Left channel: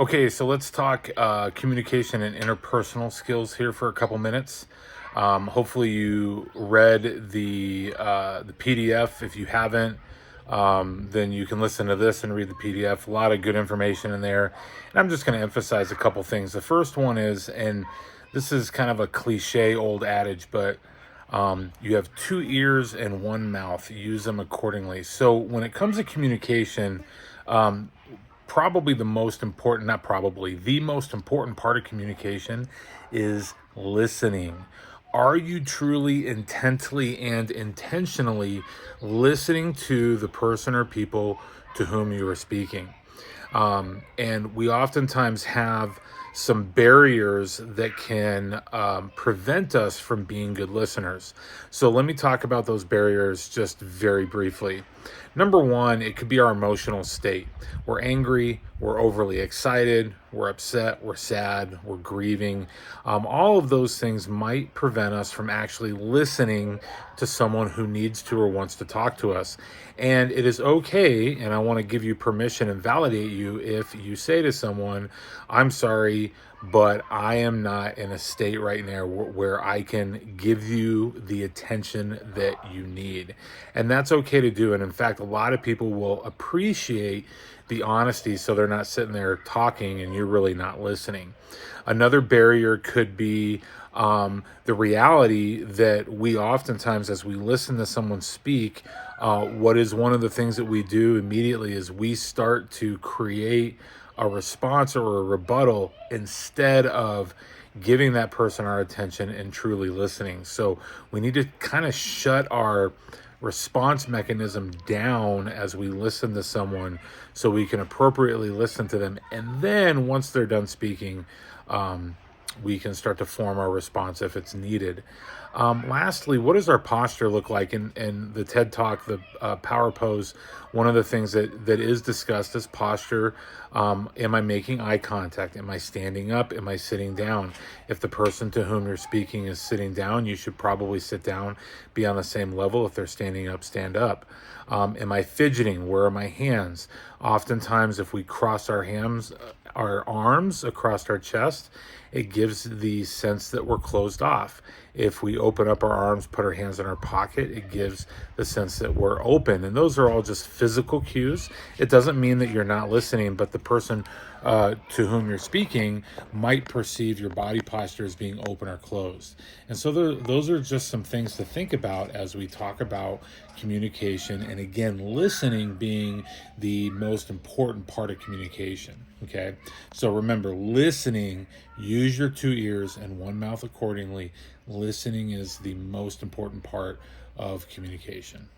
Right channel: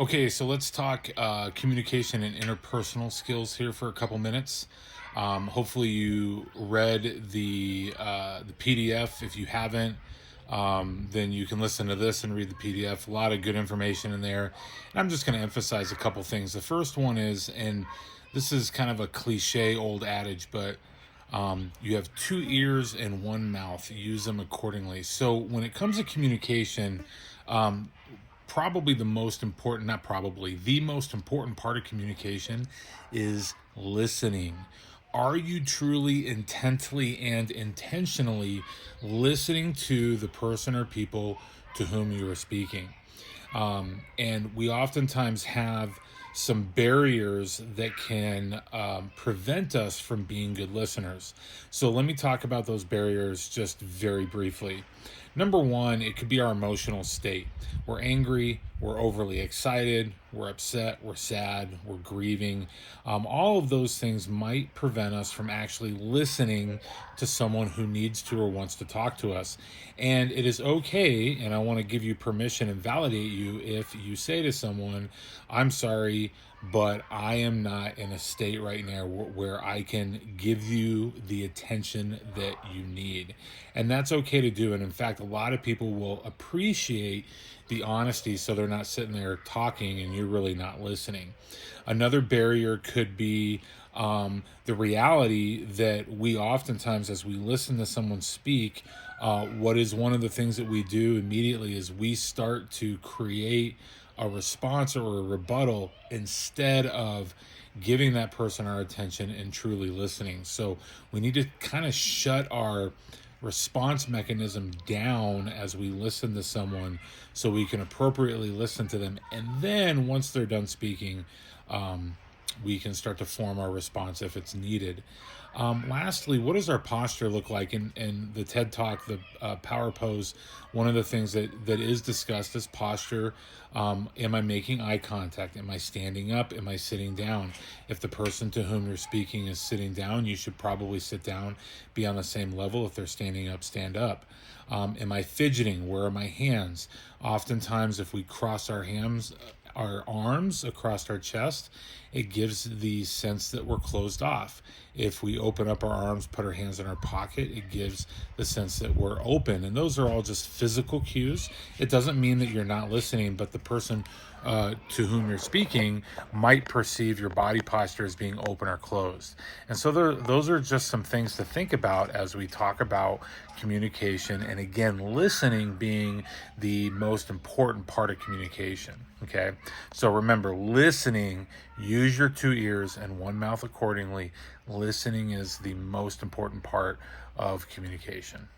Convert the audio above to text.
Okay, so let's talk communication and interpersonal skills here for a couple minutes. Hopefully, you read the PDF. If you haven't, then you can listen to this and read the PDF. A lot of good information in there, and I'm just going to emphasize a couple things. The first one is, and this is kind of a cliche old adage, but you have two ears and one mouth. Use them accordingly. So when it comes to communication, um, probably the most important, not probably, the most important part of communication is listening. Are you truly intently and intentionally listening to the person or people to whom you are speaking? And we oftentimes have some barriers that can prevent us from being good listeners. So let me talk about those barriers just very briefly. Number one, it could be our emotional state. We're angry, we're overly excited, we're upset, we're sad, we're grieving. All of those things might prevent us from actually listening to someone who needs to or wants to talk to us. And it is okay, and I want to give you permission and validate you if you say to someone, I'm sorry, but I am not in a state right now where I can give you the attention that you need. And that's okay to do. And in fact, a lot of people will appreciate the honesty so they're not sitting there talking and you're really not listening. Another barrier could be the reality that we oftentimes, as we listen to someone speak, what is one of the things that we do immediately is we start to create a response or a rebuttal instead of giving that person our attention and truly listening. So we need to kind of shut our response mechanism down as we listen to someone so we can appropriately listen to them. And then once they're done speaking, we can start to form our response if it's needed. Lastly, what does our posture look like? In the TED Talk, the Power Pose, one of the things that is discussed is posture. Am I making eye contact? Am I standing up? Am I sitting down? If the person to whom you're speaking is sitting down, you should probably sit down, be on the same level. If they're standing up, stand up. Am I fidgeting? Where are my hands? Oftentimes, if we cross our arms across our chest, it gives the sense that we're closed off. If we open up our arms, put our hands in our pocket, it gives the sense that we're open. And those are all just physical cues. It doesn't mean that you're not listening, but the person to whom you're speaking might perceive your body posture as being open or closed. And so those are just some things to think about as we talk about communication. And again, listening being the most important part of communication. Okay. So remember, listening, use your two ears and one mouth accordingly. Listening is the most important part of communication.